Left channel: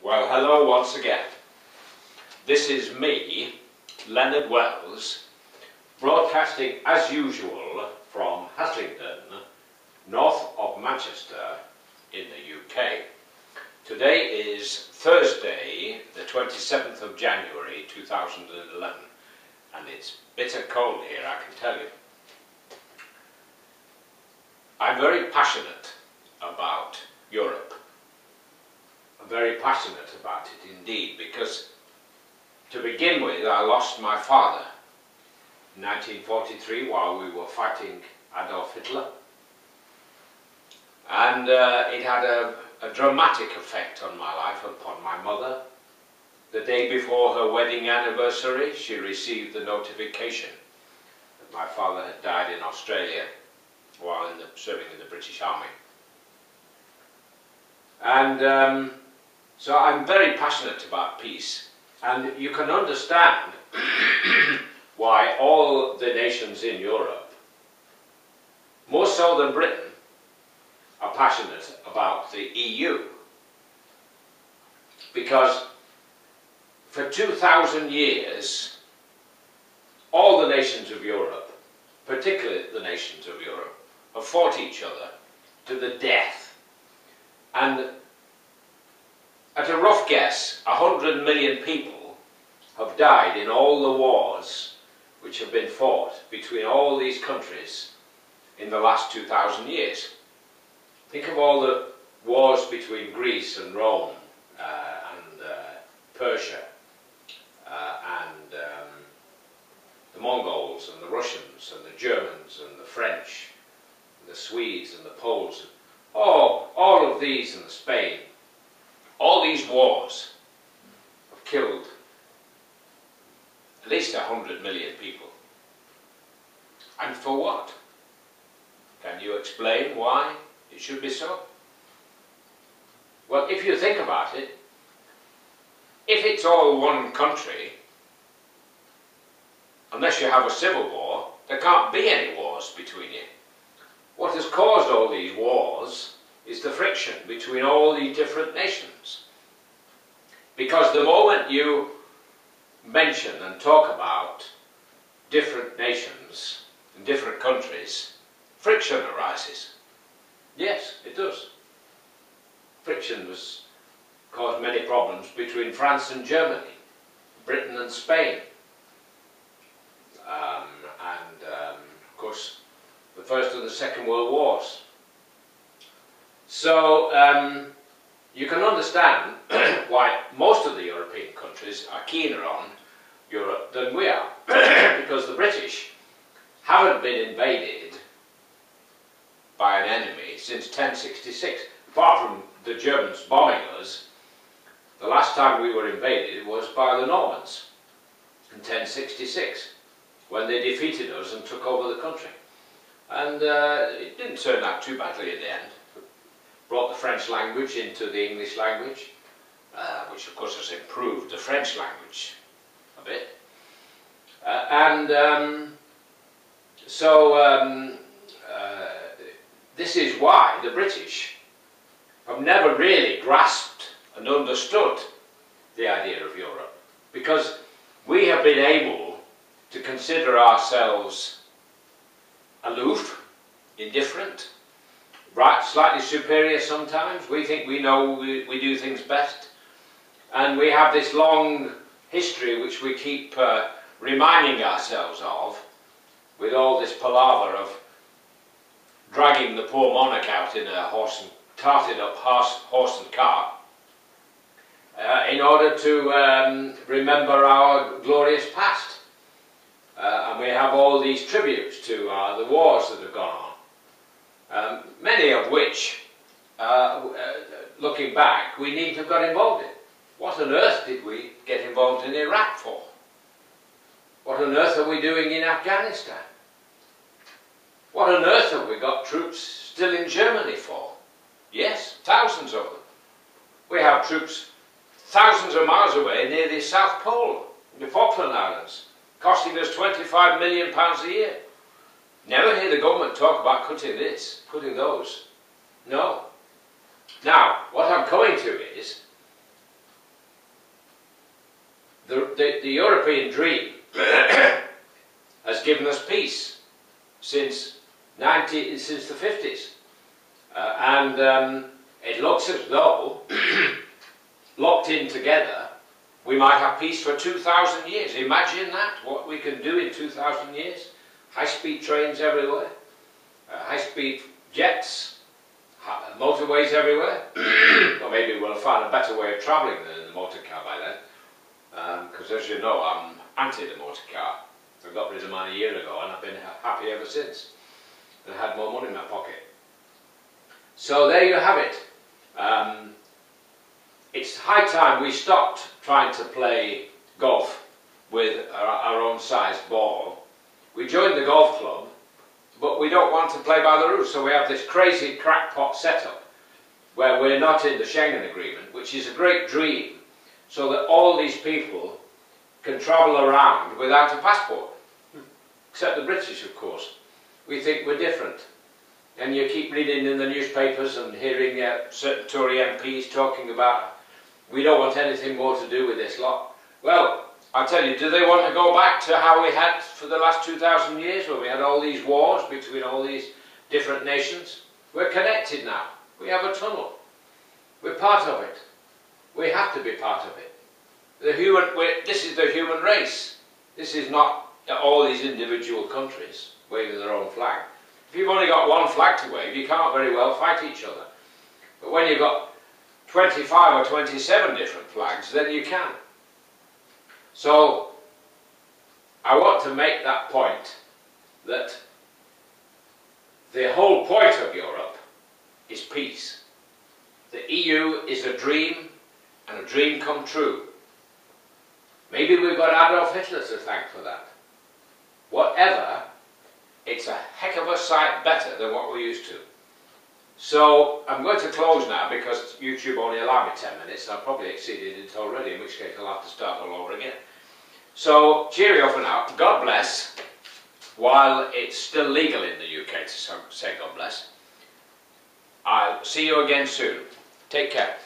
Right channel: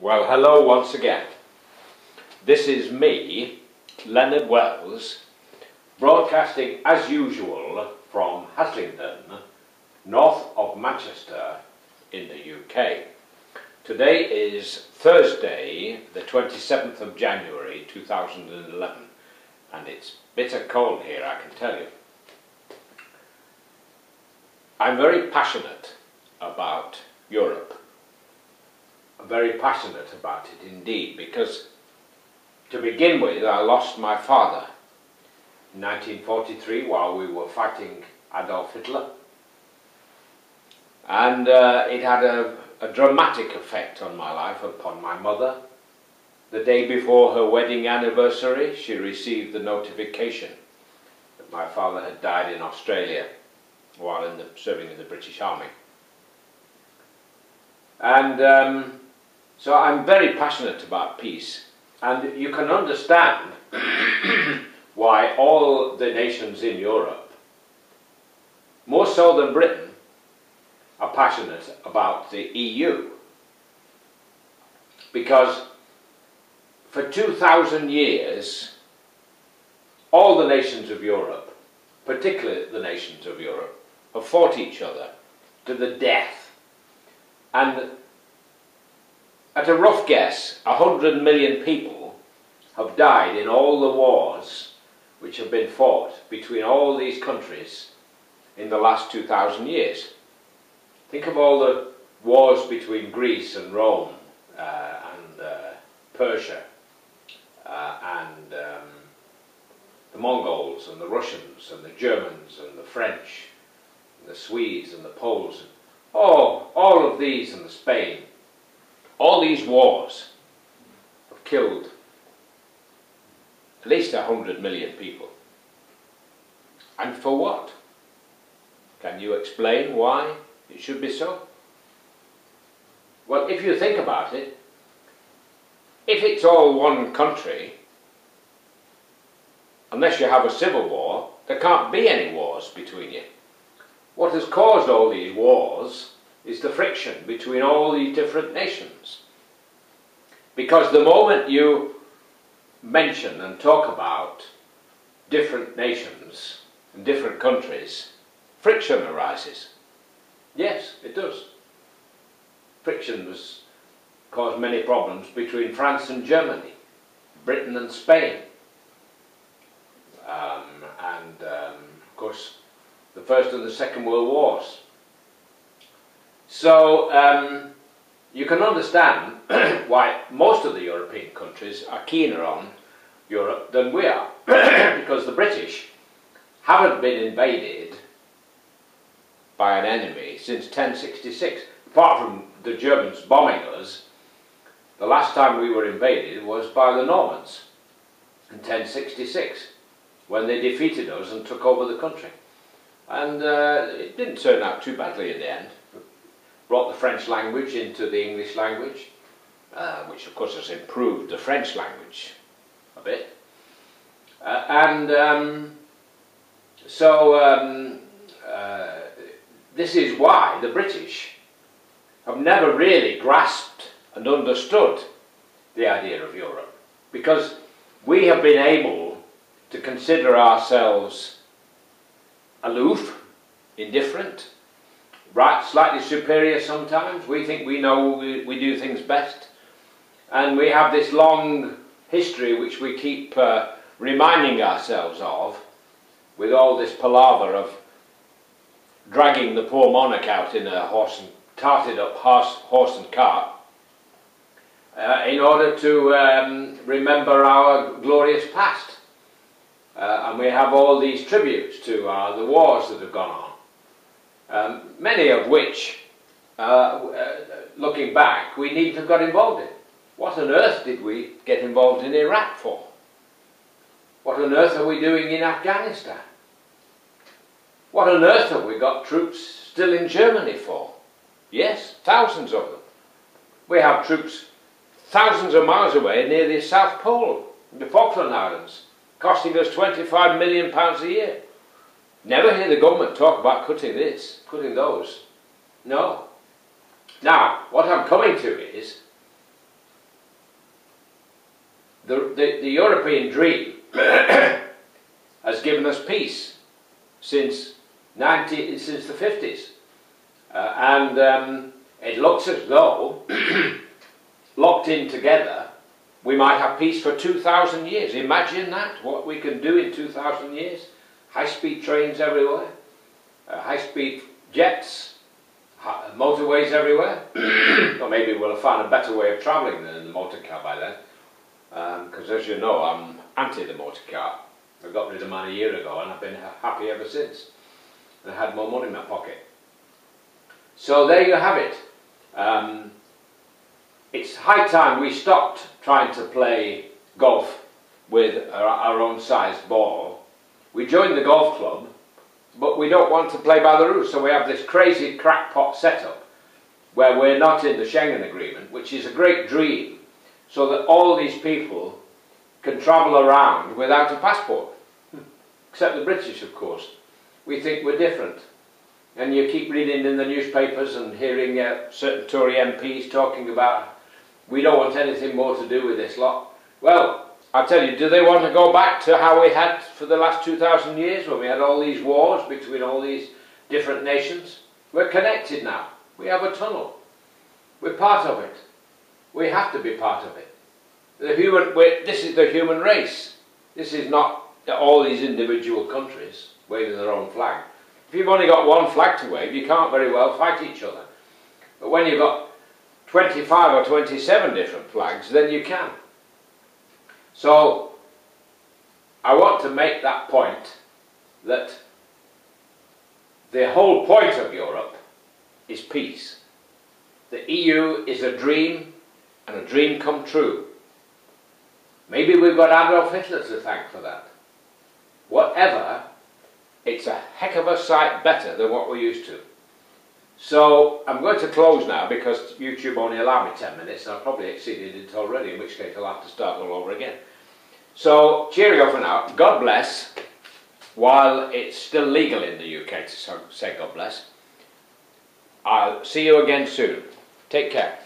Well, hello once again. This is me, Leonard Wells, broadcasting as usual from Haslingden, north of Manchester in the UK. Today is Thursday, the 27th of January 2011, and it's bitter cold here, I can tell you. I'm very passionate about Europe. I'm very passionate about it indeed, because to begin with, I lost my father in 1943 while we were fighting Adolf Hitler, and it had a dramatic effect on my life, upon my mother. The day before her wedding anniversary, she received the notification that my father had died in Australia while serving in the British Army. And so I'm very passionate about peace, and you can understand why all the nations in Europe, more so than Britain, are passionate about the EU. Because for 2,000 years, all the nations of Europe, particularly the nations of Europe, have fought each other to the death. And at a rough guess, 100 million people have died in all the wars which have been fought between all these countries in the last 2,000 years. Think of all the wars between Greece and Rome and Persia and the Mongols and the Russians and the Germans and the French and the Swedes and the Poles. Oh, all of these, and the Spain. All these wars have killed at least 100 million people. And for what? Can you explain why it should be so? Well, if you think about it, if it's all one country, unless you have a civil war, there can't be any wars between you. What has caused all these wars is the friction between all these different nations. Because the moment you mention and talk about different nations and different countries, friction arises. Yes, it does. Friction has caused many problems between France and Germany, Britain and Spain, and of course the First and the Second World Wars. So you can understand why most of the European countries are keener on Europe than we are, because the British haven't been invaded by an enemy since 1066. Apart from the Germans bombing us, the last time we were invaded was by the Normans in 1066, when they defeated us and took over the country. And it didn't turn out too badly in the end. Brought the French language into the English language, which of course has improved the French language a bit. This is why the British have never really grasped and understood the idea of Europe, because we have been able to consider ourselves aloof, indifferent, right, slightly superior sometimes. We think we know, we do things best, and we have this long history which we keep reminding ourselves of, with all this palaver of dragging the poor monarch out in a tarted up horse and cart in order to remember our glorious past. And we have all these tributes to the wars that have gone on. Many of which, looking back, we needn't have got involved in. What on earth did we get involved in Iraq for? What on earth are we doing in Afghanistan? What on earth have we got troops still in Germany for? Yes, thousands of them. We have troops thousands of miles away near the South Pole, the Falkland Islands, costing us £25 million a year. Never hear the government talk about cutting this, cutting those. No. Now, what I'm coming to is, the European dream has given us peace since the 50s. It looks as though, locked in together, we might have peace for 2,000 years. Imagine that, what we can do in 2,000 years. High-speed trains everywhere, high-speed jets, motorways everywhere. Or maybe we'll find a better way of travelling than in the motor car by then. Because as you know, I'm anti the motor car. I got rid of mine a year ago and I've been happy ever since. And I had more money in my pocket. So there you have it. It's high time we stopped trying to play golf with our own sized ball. We joined the golf club, but we don't want to play by the rules, so we have this crazy crackpot setup where we're not in the Schengen Agreement, which is a great dream, so that all these people can travel around without a passport. Except the British, of course. We think we're different. And you keep reading in the newspapers and hearing certain Tory MPs talking about, we don't want anything more to do with this lot. Well, I tell you, do they want to go back to how we had for the last 2,000 years, when we had all these wars between all these different nations? We're connected now. We have a tunnel. We're part of it. We have to be part of it. This is the human race. This is not all these individual countries waving their own flag. If you've only got one flag to wave, you can't very well fight each other. But when you've got 25 or 27 different flags, then you can. So, I want to make that point, that the whole point of Europe is peace. The EU is a dream, and a dream come true. Maybe we've got Adolf Hitler to thank for that. Whatever, it's a heck of a sight better than what we're used to. So, I'm going to close now because YouTube only allowed me 10 minutes and I've probably exceeded it already, in which case I'll have to start all over again. So, cheerio for now. God bless, while it's still legal in the UK to say God bless. I'll see you again soon. Take care.